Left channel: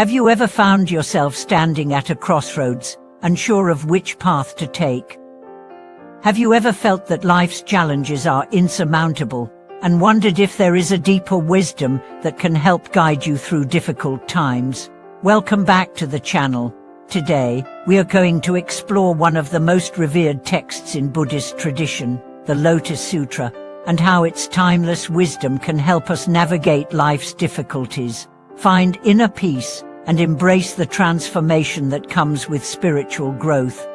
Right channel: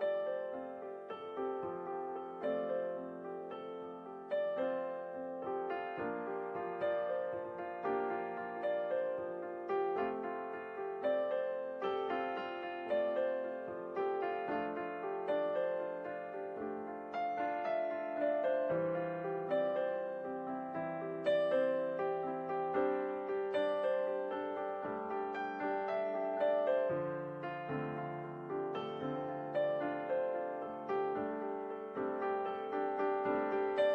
Have you ever found yourself standing at a crossroads, unsure of which path to take? Have you ever felt that life's challenges are insurmountable, and wondered if there is a deeper wisdom that can help guide you through difficult times? Welcome back to the channel. Today, we are going to explore one of the most revered texts in Buddhist tradition, the Lotus Sutra, and how its timeless wisdom can help us navigate life's difficulties, find inner peace, and embrace the transformation that comes with spiritual growth.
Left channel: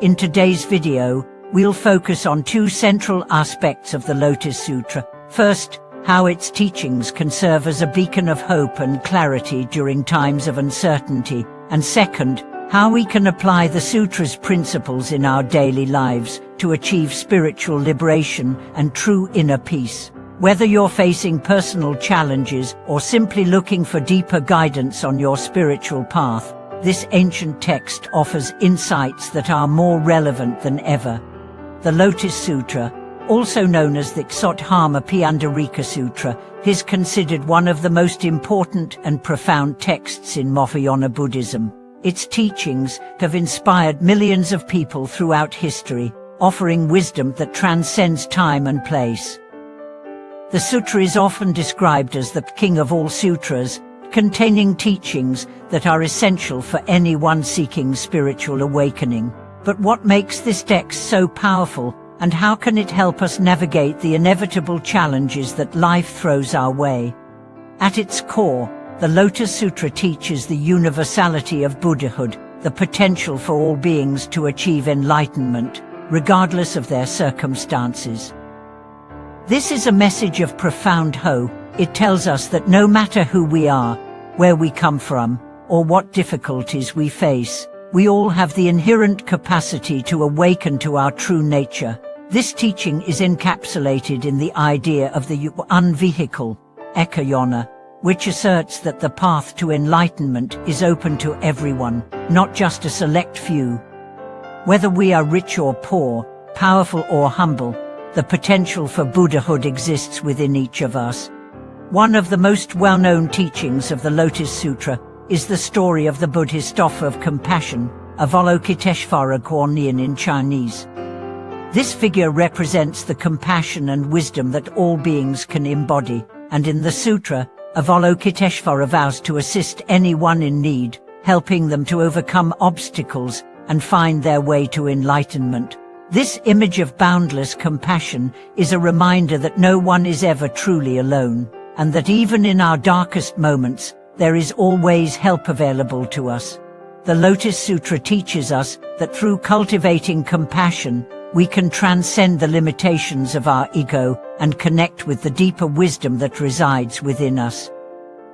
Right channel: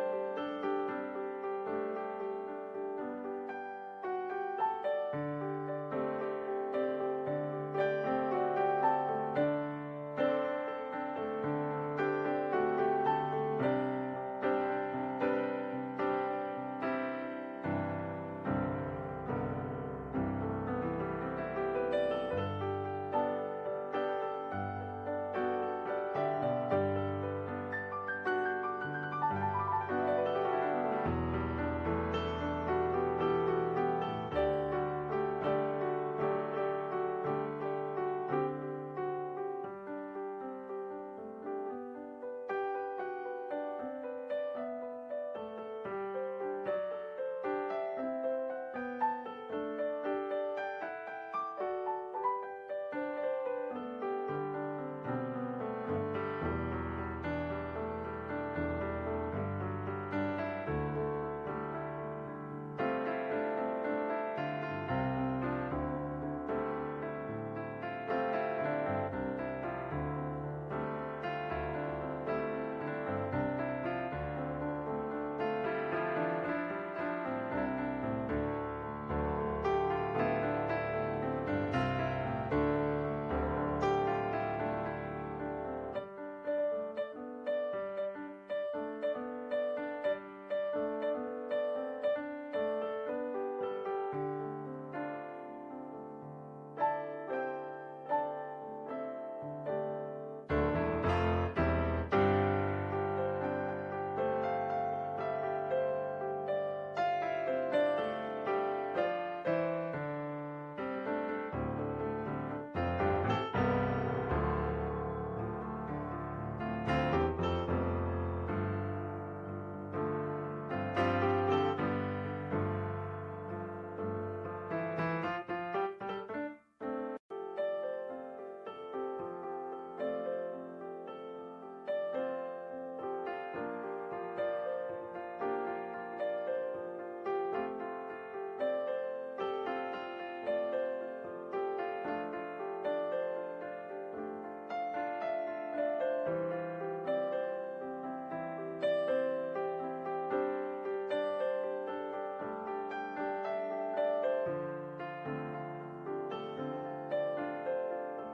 In today's video, we'll focus on two central aspects of the Lotus Sutra. First, how its teachings can serve as a beacon of hope and clarity during times of uncertainty, and second, how we can apply the Sutra's principles in our daily lives to achieve spiritual liberation and true inner peace. Whether you're facing personal challenges or simply looking for deeper guidance on your spiritual path, this ancient text offers insights that are more relevant than ever. The Lotus Sutra, also known as the Sothama Sutra, is considered one of the most important and profound texts in Mahayana Buddhism. Its teachings have inspired millions of people throughout history, offering wisdom that transcends time and place. The sutra is often described as the king of all sutras, containing teachings that are essential for anyone seeking spiritual awakening. But what makes this text so powerful, and how can it help us navigate the inevitable challenges that life throws our way? At its core, the Lotus Sutra teaches the universality of Buddhahood, the potential for all beings to achieve enlightenment, regardless of their circumstances. This is a message of profound hope. It tells us that no matter who we are, where we come from, or what difficulties we face, we all have the inherent capacity to awaken to our true nature. This teaching is encapsulated in the idea of the unvehicle, ekayona, which asserts that the path to enlightenment is open to everyone, not just a select few. Whether we are rich or poor, powerful or humble, the potential for Buddhahood exists within each of us. One of the most well-known teachings of the Lotus Sutra is the story of the Buddhist offer of compassion, Avalokiteshvara Guanyin in Chinese. This figure represents the compassion and wisdom that all beings can embody, and in the sutra, Avalokiteshvara vows to assist anyone in need, helping them to overcome obstacles and find their way to enlightenment. This image of boundless compassion is a reminder that no one is ever truly alone, and that even in our darkest moments, there is always help available to us. The Lotus Sutra teaches us that through cultivating compassion, we can transcend the limitations of our ego and connect with the deeper wisdom that resides within us.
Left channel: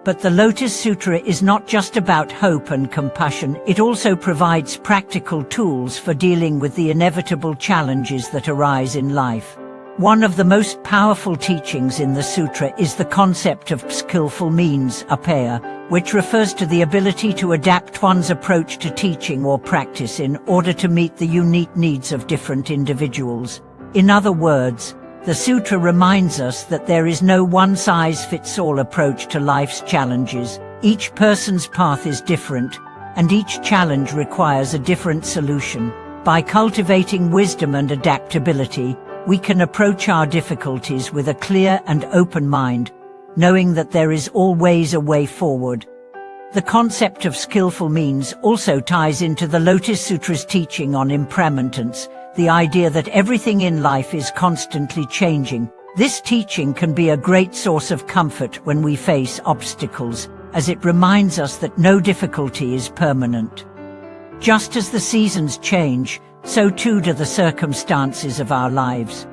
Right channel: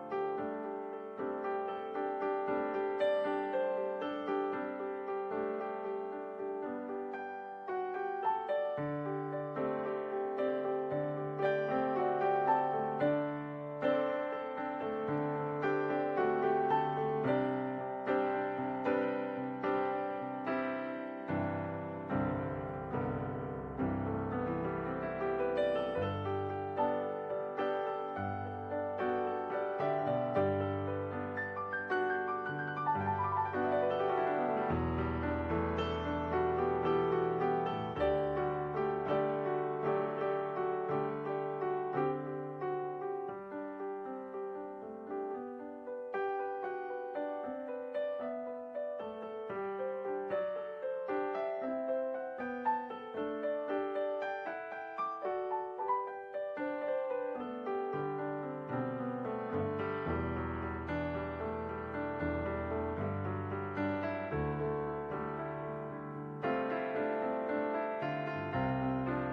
But the Lotus Sutra is not just about hope and compassion, it also provides practical tools for dealing with the inevitable challenges that arise in life. One of the most powerful teachings in the sutra is the concept of skillful means, upaya, which refers to the ability to adapt one's approach to teaching or practice in order to meet the unique needs of different individuals. In other words, the sutra reminds us that there is no one-size-fits-all approach to life's challenges. Each person's path is different, and each challenge requires a different solution. By cultivating wisdom and adaptability, we can approach our difficulties with a clear and open mind, knowing that there is always a way forward. The concept of skillful means also ties into the Lotus Sutra's teaching on impermanence, the idea that everything in life is constantly changing. This teaching can be a great source of comfort when we face obstacles, as it reminds us that no difficulty is permanent. Just as the seasons change, so too do the circumstances of our lives.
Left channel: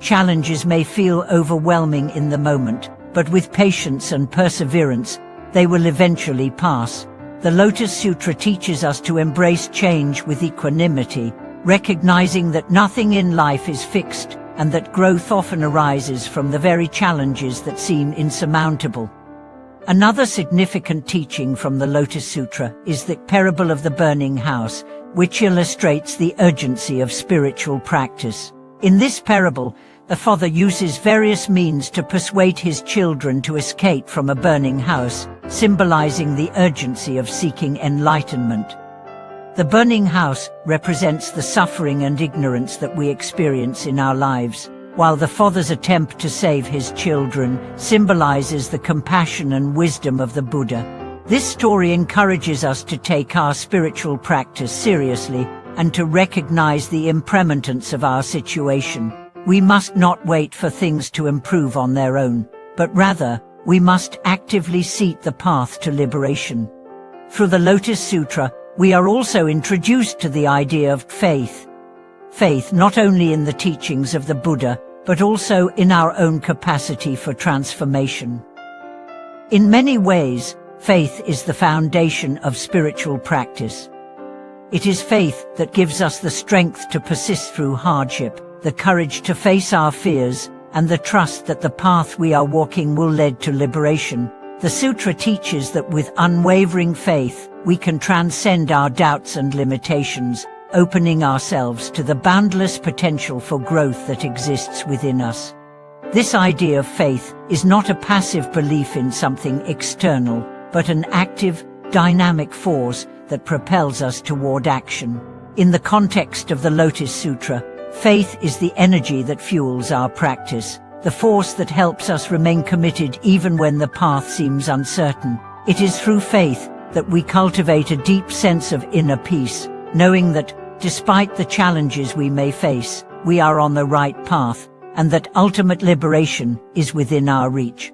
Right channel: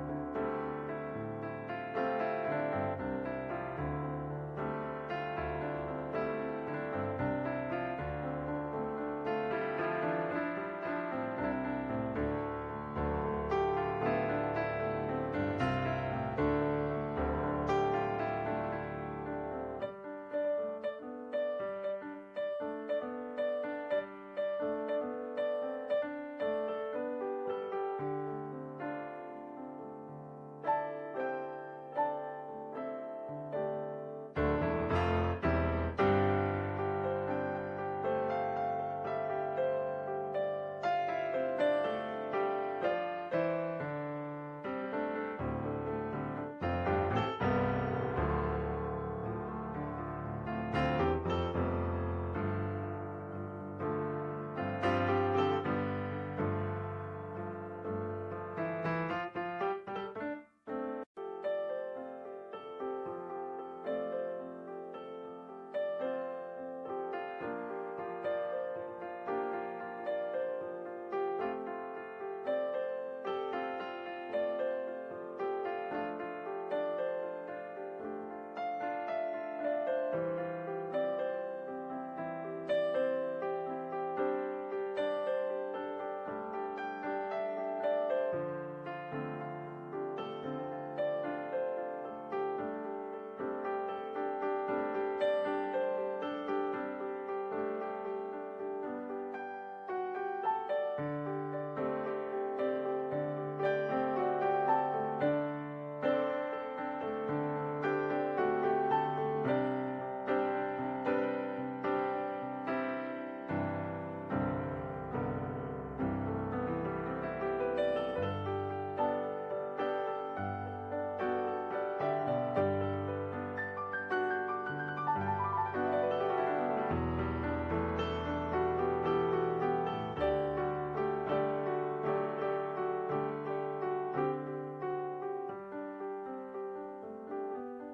Challenges may feel overwhelming in the moment, but with patience and perseverance, they will eventually pass. The Lotus Sutra teaches us to embrace change with equanimity, recognizing that nothing in life is fixed, and that growth often arises from the very challenges that seem insurmountable. Another significant teaching from the Lotus Sutra is the parable of the burning house, which illustrates the urgency of spiritual practice. In this parable, the father uses various means to persuade his children to escape from a burning house, symbolizing the urgency of seeking enlightenment. The burning house represents the suffering and ignorance that we experience in our lives, while the Father's attempt to save his children symbolizes the compassion and wisdom of the Buddha. This story encourages us to take our spiritual practice seriously and to recognize the impermanence of our situation. We must not wait for things to improve on their own, but rather, we must actively seek the path to liberation. Through the Lotus Sutra, we are also introduced to the idea of faith. Faith not only in the teachings of the Buddha, but also in our own capacity for transformation. In many ways, faith is the foundation of spiritual practice. It is faith that gives us the strength to persist through hardship, the courage to face our fears, and the trust that the path we are walking will lead to liberation. The Sutra teaches that with unwavering faith, we can transcend our doubts and limitations, opening ourselves to the boundless potential for growth that exists within us. This idea of faith is not a passive belief in something external, but an active, dynamic force that propels us toward action. In the context of the Lotus Sutra, faith is the energy that fuels our practice, the force that helps us remain committed even when the path seems uncertain. It is through faith that we cultivate a deep sense of inner peace, knowing that, despite the challenges we may face, we are on the right path, and that ultimate liberation is within our reach.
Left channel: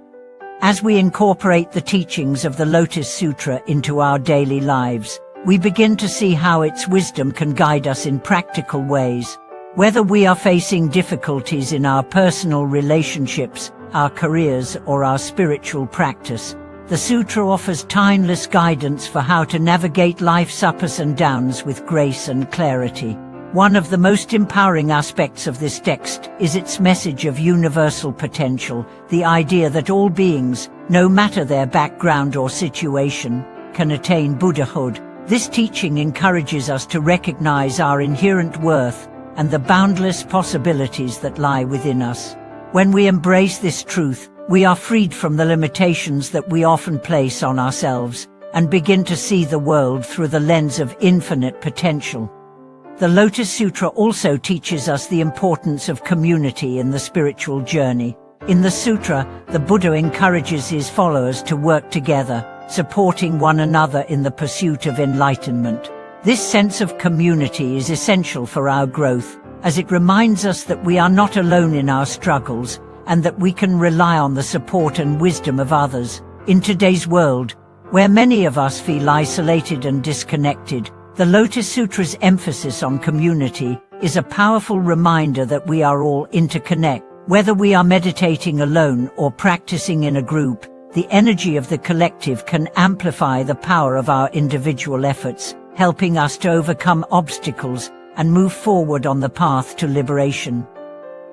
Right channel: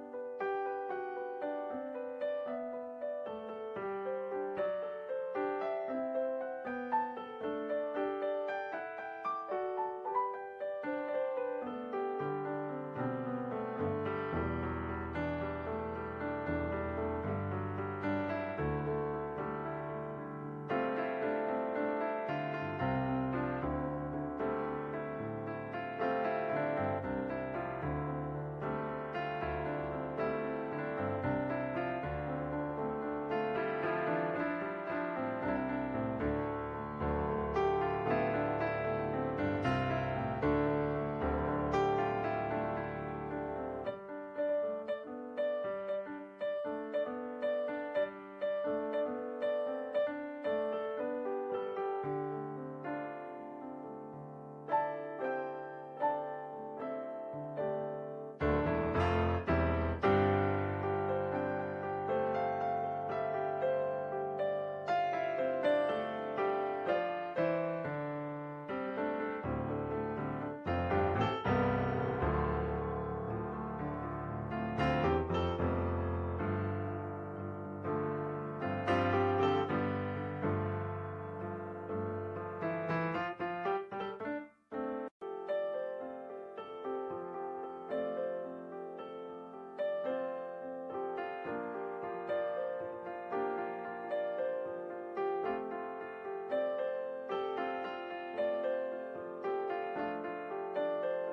As we incorporate the teachings of the Lotus Sutra into our daily lives, we begin to see how its wisdom can guide us in practical ways. Whether we are facing difficulties in our personal relationships, our careers, or our spiritual practice, the Sutra offers timeless guidance for how to navigate life's ups and downs with grace and clarity. One of the most empowering aspects of this text is its message of universal potential, the idea that all beings, no matter their background or situation, can attain Buddhahood. This teaching encourages us to recognize our inherent worth and the boundless possibilities that lie within us. When we embrace this truth, we are freed from the limitations that we often place on ourselves and begin to see the world through the lens of infinite potential. The Lotus Sutra also teaches us the importance of community in the spiritual journey. In the sutra, the Buddha encourages his followers to work together, supporting one another in the pursuit of enlightenment. This sense of community is essential for our growth, as it reminds us that we are not alone in our struggles, and that we can rely on the support and wisdom of others. In today's world, where many of us feel isolated and disconnected, the Lotus Sutra's emphasis on community is a powerful reminder that we are all interconnected. Whether we are meditating alone or practicing in a group, the energy of the collective can amplify the power of our individual efforts, helping us to overcome obstacles and move forward on the path to liberation.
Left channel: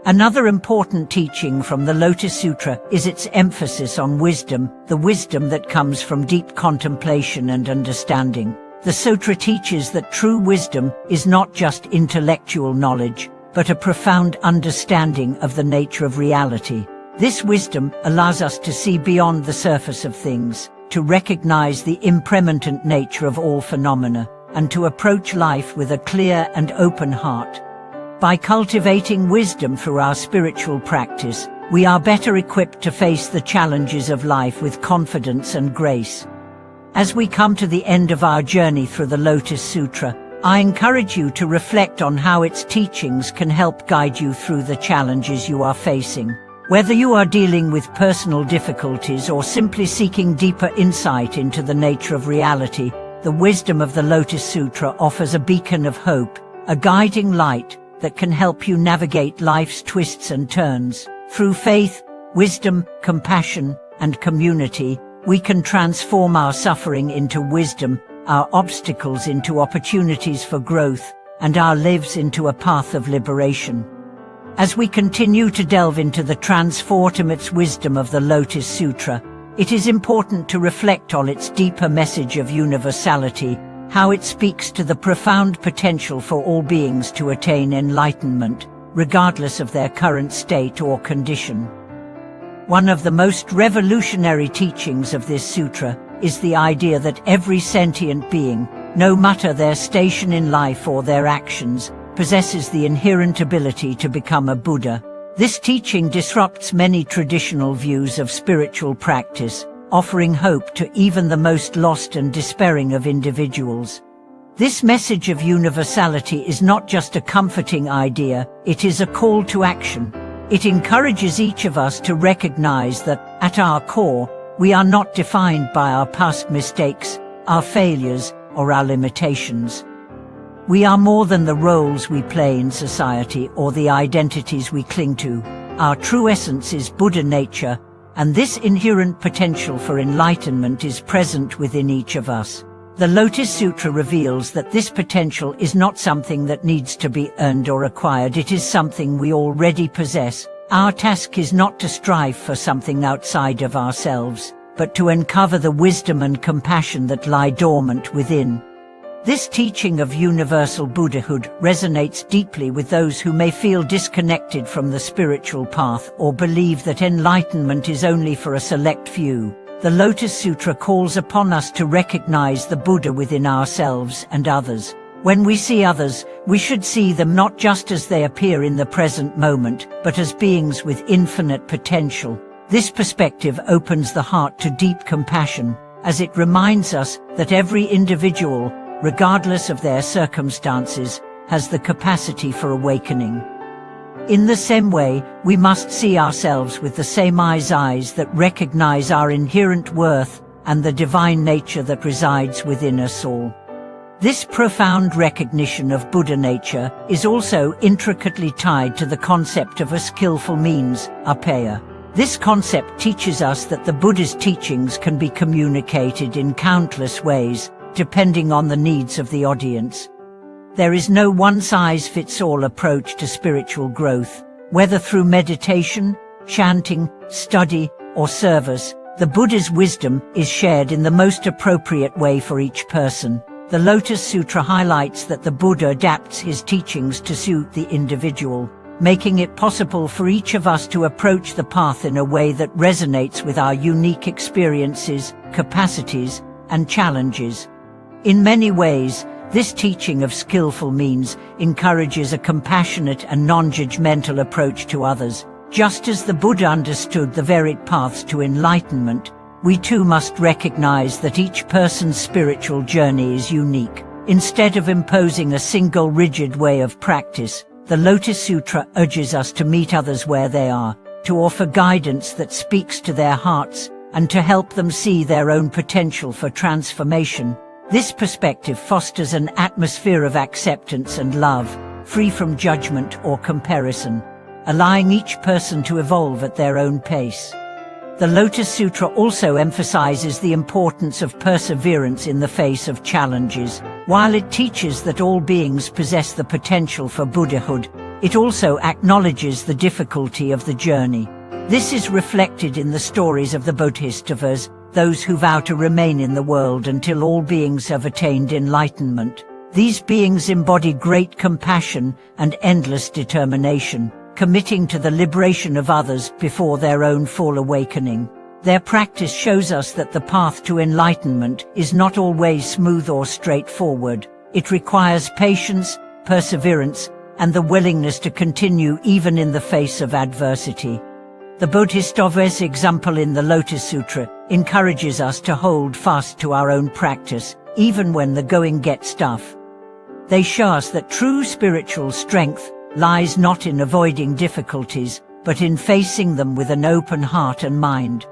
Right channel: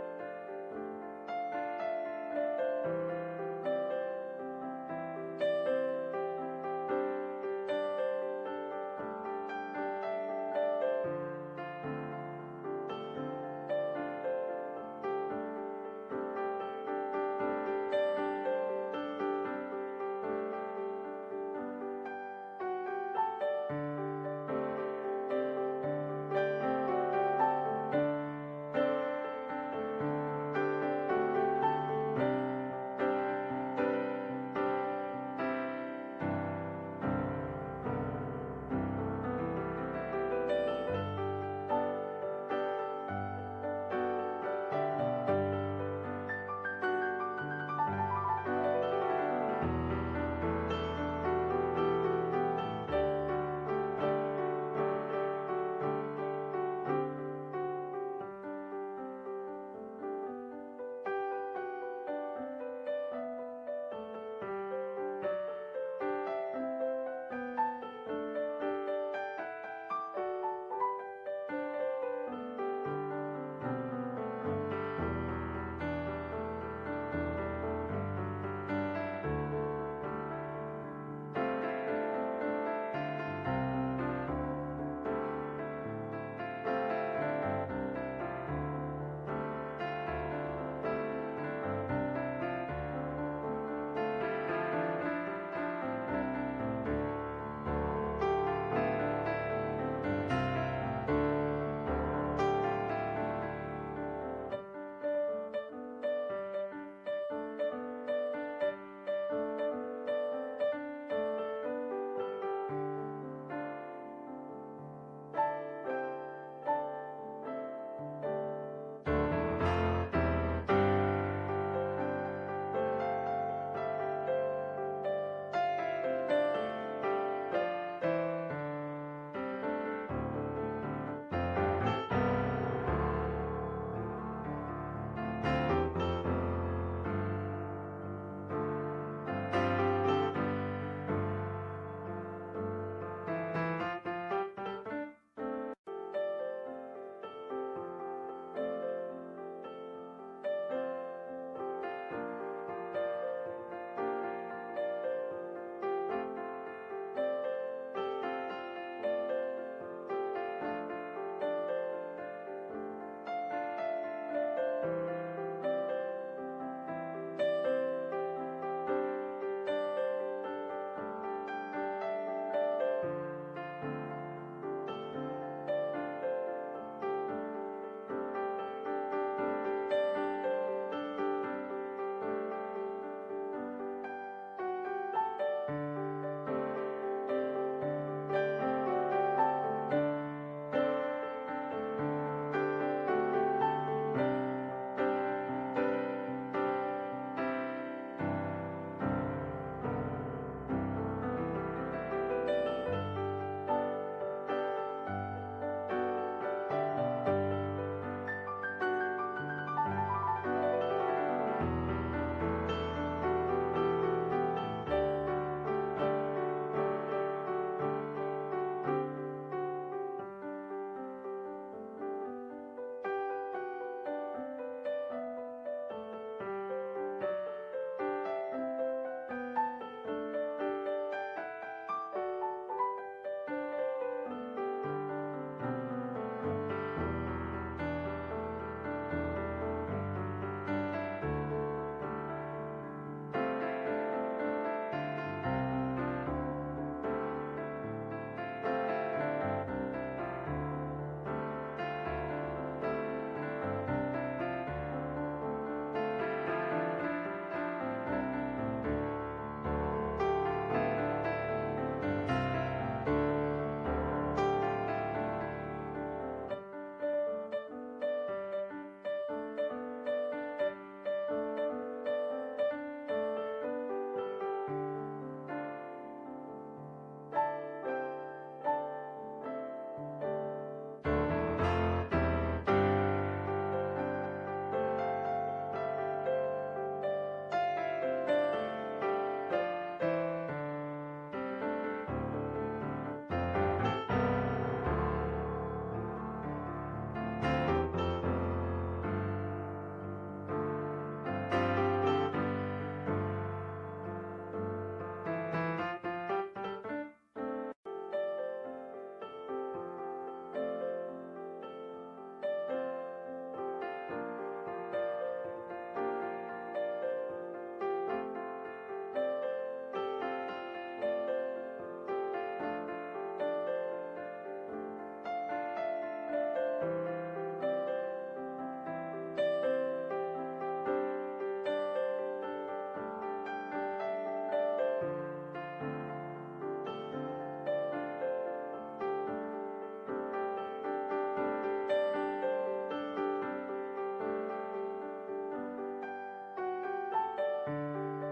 Another important teaching from the Lotus Sutra is its emphasis on wisdom, the wisdom that comes from deep contemplation and understanding. The sutra teaches that true wisdom is not just intellectual knowledge, but a profound understanding of the nature of reality. This wisdom allows us to see beyond the surface of things, to recognize the impermanent nature of all phenomena, and to approach life with a clear and open heart. By cultivating wisdom through our spiritual practice, we are better equipped to face the challenges of life with confidence and grace. As we come to the end of our journey through the Lotus Sutra, I encourage you to reflect on how its teachings can help guide you through the challenges you are facing. Whether you are dealing with personal difficulties or simply seeking deeper insight into the nature of reality, the wisdom of the Lotus Sutra offers a beacon of hope, a guiding light that can help you navigate life's twists and turns. Through faith, wisdom, compassion, and community, we can transform our suffering into wisdom, our obstacles into opportunities for growth, and our lives into a path of liberation. As we continue to delve into the transformative wisdom of the Lotus Sutra, it is important to reflect on its deeper message of universality, how it speaks to the profound potential for all beings to attain enlightenment, regardless of their current state or condition. One of the most revolutionary teachings of this sutra is the idea that every sentient being, no matter their station in life or their actions, possesses the inherent ability to become a Buddha. This teaching disrupts many traditional views of spiritual practice, offering hope to even the most lost and despairing of individuals. This message of universality is not just a comforting idea, it is a call to action. It encourages each of us to recognize that, at our core, we are not defined by our past mistakes, our failures, or our limitations. We are more than the roles we play in society or the identities we cling to. Our true essence is Buddha nature, and this inherent potential for enlightenment is present within each of us. The Lotus Sutra reveals that this potential is not something that needs to be earned or acquired, it is something we already possess. Our task is not to strive for something outside of ourselves, but to uncover the wisdom and compassion that lie dormant within. This teaching of universal Buddhahood resonates deeply with those who may feel disconnected from the spiritual path or believe that enlightenment is only for a select few. The Lotus Sutra calls upon us to recognize the Buddha within ourselves and others. When we see others, we should see them not just as they appear in the present moment, but as beings with infinite potential. This perspective opens the heart to deep compassion, as it reminds us that every individual, regardless of their circumstances, has the capacity for awakening. In the same way, we must see ourselves with the same eyes that recognize our inherent worth and the divine nature that resides within us all. This profound recognition of Buddha nature is also intricately tied to the concept of a skillful means, apaya. This concept teaches us that the Buddha's teachings can be communicated in countless ways, depending on the needs of the audience. There is no one-size-fits-all approach to spiritual growth. Whether through meditation, chanting, study, or service, the Buddha's wisdom is shared in the most appropriate way for each person. The Lotus Sutra highlights that the Buddha adapts his teachings to suit the individual, making it possible for each of us to approach the path in a way that resonates with our unique experiences, capacities, and challenges. In many ways, this teaching of skillful means encourages a compassionate and non-judgmental approach to others. Just as the Buddha understood the varied paths to enlightenment, we too must recognize that each person's spiritual journey is unique. Instead of imposing a single rigid way of practice, the Lotus Sutra urges us to meet others where they are, to offer guidance that speaks to their hearts, and to help them see their own potential for transformation. This perspective fosters an atmosphere of acceptance and love, free from judgment or comparison, allowing each person to evolve at their own pace. The Lotus Sutra also emphasizes the importance of perseverance in the face of challenges. While it teaches that all beings possess the potential for Buddhahood, it also acknowledges the difficulty of the journey. This is reflected in the stories of the Bodhisattvas, those who vow to remain in the world until all beings have attained enlightenment. These beings embody great compassion and endless determination, committing to the liberation of others before their own full awakening. Their practice shows us that the path to enlightenment is not always smooth or straightforward. It requires patience, perseverance, and the willingness to continue even in the face of adversity. The Bodhisattva's example in the Lotus Sutra encourages us to hold fast to our own practice, even when the going gets tough. They show us that true spiritual strength lies not in avoiding difficulties, but in facing them with an open heart and mind.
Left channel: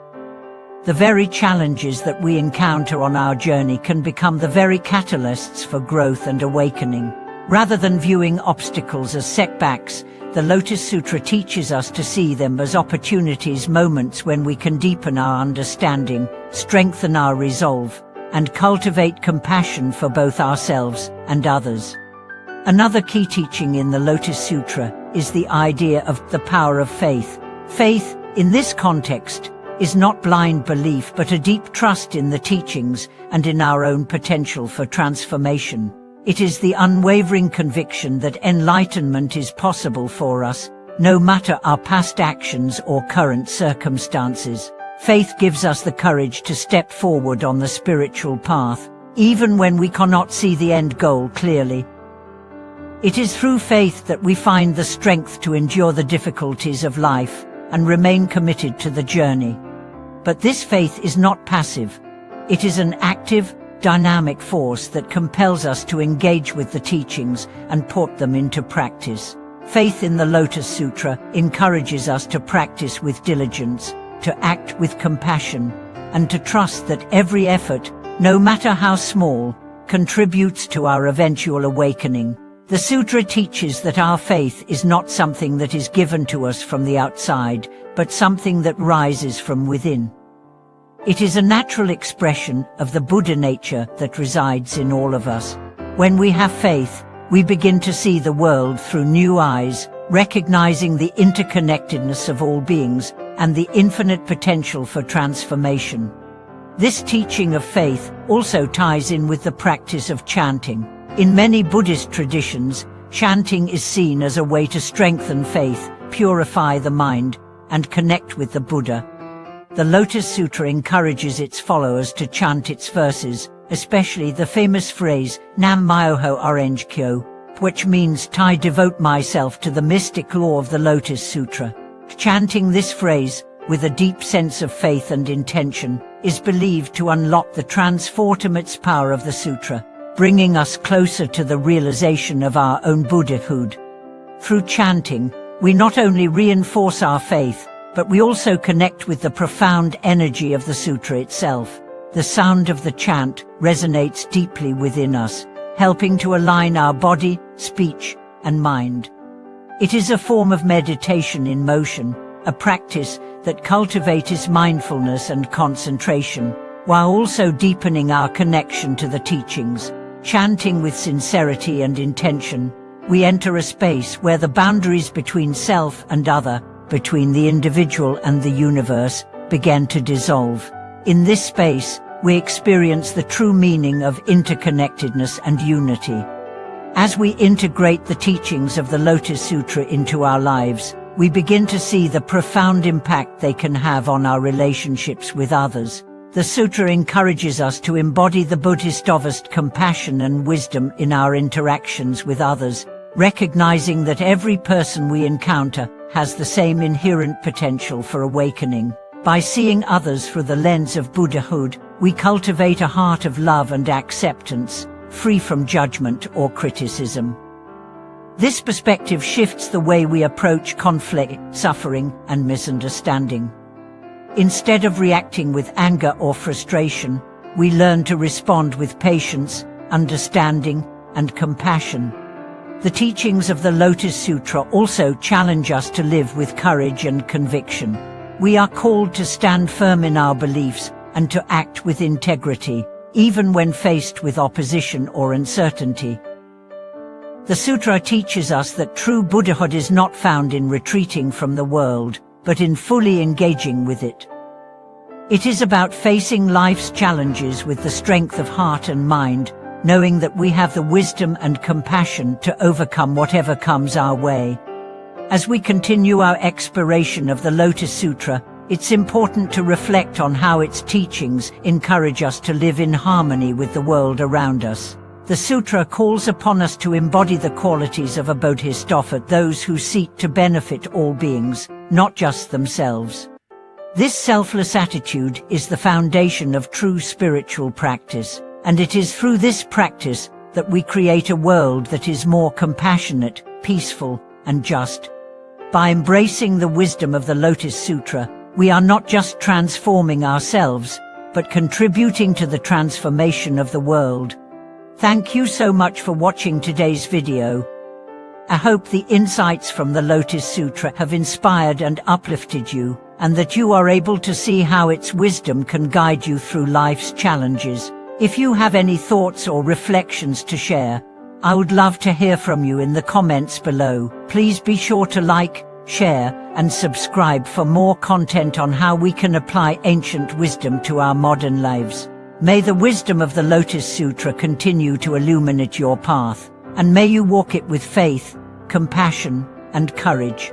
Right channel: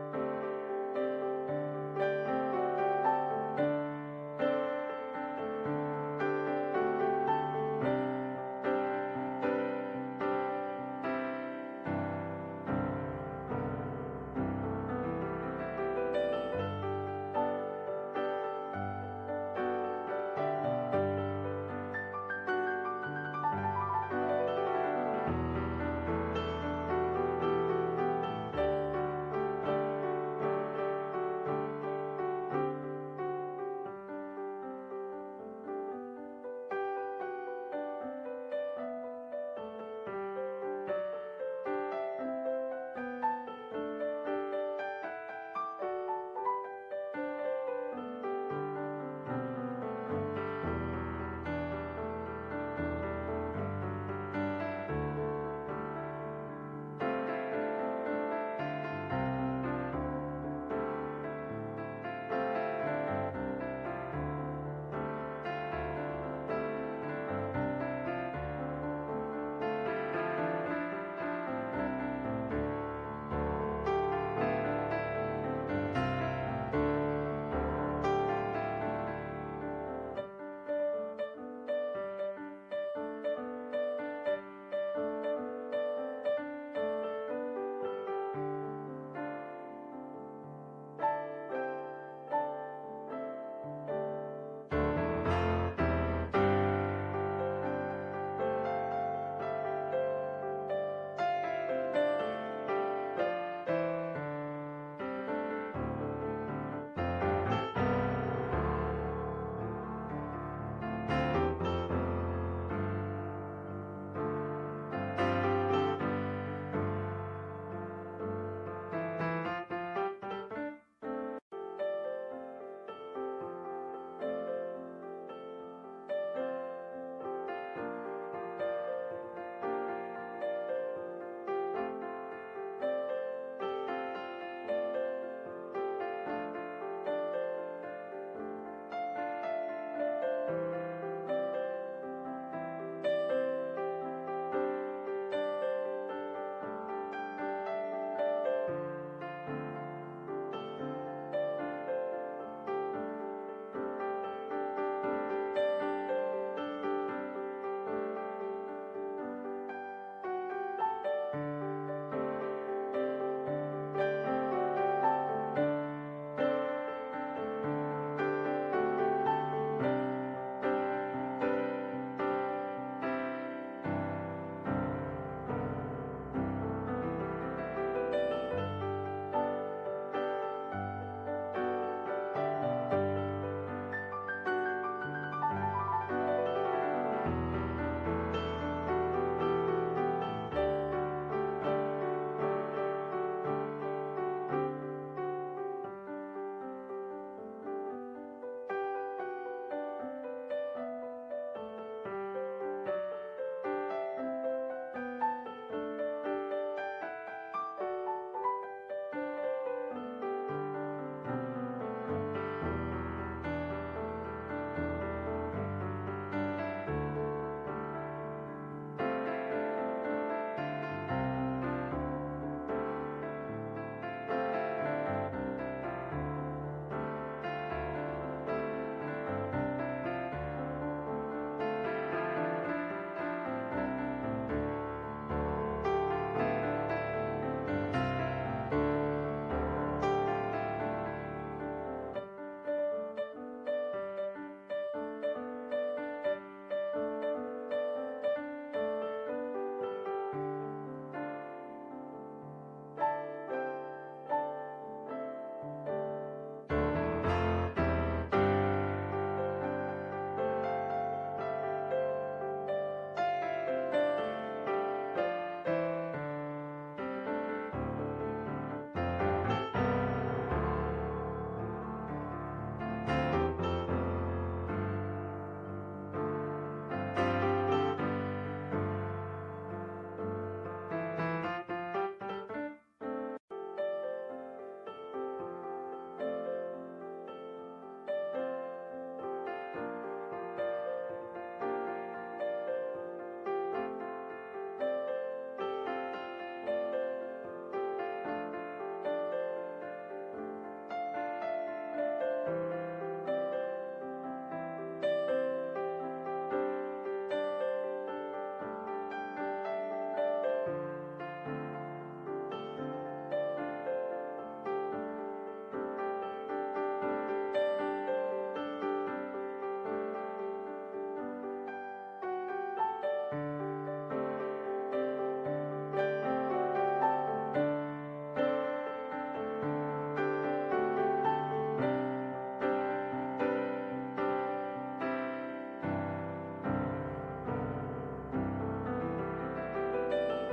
The very challenges that we encounter on our journey can become the very catalysts for growth and awakening. Rather than viewing obstacles as setbacks, the Lotus Sutra teaches us to see them as opportunities, moments when we can deepen our understanding, strengthen our resolve, and cultivate compassion for both ourselves and others. Another key teaching in the Lotus Sutra is the idea of the power of faith. Faith, in this context, is not blind belief but a deep trust in the teachings and in our own potential for transformation. It is the unwavering conviction that enlightenment is possible for us, no matter our past actions or current circumstances. Faith gives us the courage to step forward on the spiritual path, even when we cannot see the end goal clearly. It is through faith that we find the strength to endure the difficulties of life and remain committed to the journey. But this faith is not passive. It is an active, dynamic force that compels us to engage with the teachings and put them into practice. Faith in the Lotus Sutra encourages us to practice with diligence, to act with compassion, and to trust that every effort, no matter how small, contributes to our eventual awakening. The sutra teaches that our faith is not something that is given to us from the outside, but something that rises from within. It is a natural expression of the Buddha nature that resides in all of us. When we have faith, we begin to see the world through new eyes, recognizing the interconnectedness of all beings and the infinite potential for transformation. This teaching of faith also ties in with the practice of chanting. In many Buddhist traditions, chanting is seen as a way to strengthen faith, purify the mind, and connect with the Buddha. The Lotus Sutra encourages its followers to chant its verses, especially the famous phrase, Nam Myoho Orange Kyo, which means I devote myself to the mystic law of the Lotus Sutra. Chanting this phrase, with a deep sense of faith and intention, is believed to unlock the transformative power of the sutra, bringing us closer to the realization of our own Buddhahood. Through chanting, we not only reinforce our faith, but we also connect with the profound energy of the sutra itself. The sound of the chant resonates deeply within us, helping to align our body, speech, and mind. It is a form of meditation in motion, a practice that cultivates mindfulness and concentration, while also deepening our connection to the teachings. Chanting with sincerity and intention, we enter a space where the boundaries between self and other, between the individual and the universe, begin to dissolve. In this space, we experience the true meaning of interconnectedness and unity. As we integrate the teachings of the Lotus Sutra into our lives, we begin to see the profound impact they can have on our relationships with others. The sutra encourages us to embody the Buddhist of compassion and wisdom in our interactions with others, recognizing that every person we encounter has the same inherent potential for awakening. By seeing others through the lens of Buddhahood, we cultivate a heart of love and acceptance, free from judgment or criticism. This perspective shifts the way we approach conflict, suffering, and misunderstanding. Instead of reacting with anger or frustration, we learn to respond with patience, understanding, and compassion. The teachings of the Lotus Sutra also challenge us to live with courage and conviction. We are called to stand firm in our beliefs and to act with integrity, even when faced with opposition or uncertainty. The sutra teaches us that true Buddhahood is not found in retreating from the world, but in fully engaging with it. It is about facing life's challenges with the strength of heart and mind, knowing that we have the wisdom and compassion to overcome whatever comes our way. As we continue our exploration of the Lotus Sutra, it's important to reflect on how its teachings encourage us to live in harmony with the world around us. The sutra calls upon us to embody the qualities of a bodhisattva, those who seek to benefit all beings, not just themselves. This selfless attitude is the foundation of true spiritual practice, and it is through this practice that we create a world that is more compassionate, peaceful, and just. By embracing the wisdom of the Lotus Sutra, we are not just transforming ourselves, but contributing to the transformation of the world. Thank you so much for watching today's video. I hope the insights from the Lotus Sutra have inspired and uplifted you, and that you are able to see how its wisdom can guide you through life's challenges. If you have any thoughts or reflections to share, I would love to hear from you in the comments below. Please be sure to like, share, and subscribe for more content on how we can apply ancient wisdom to our modern lives. May the wisdom of the Lotus Sutra continue to illuminate your path, and may you walk it with faith, compassion, and courage.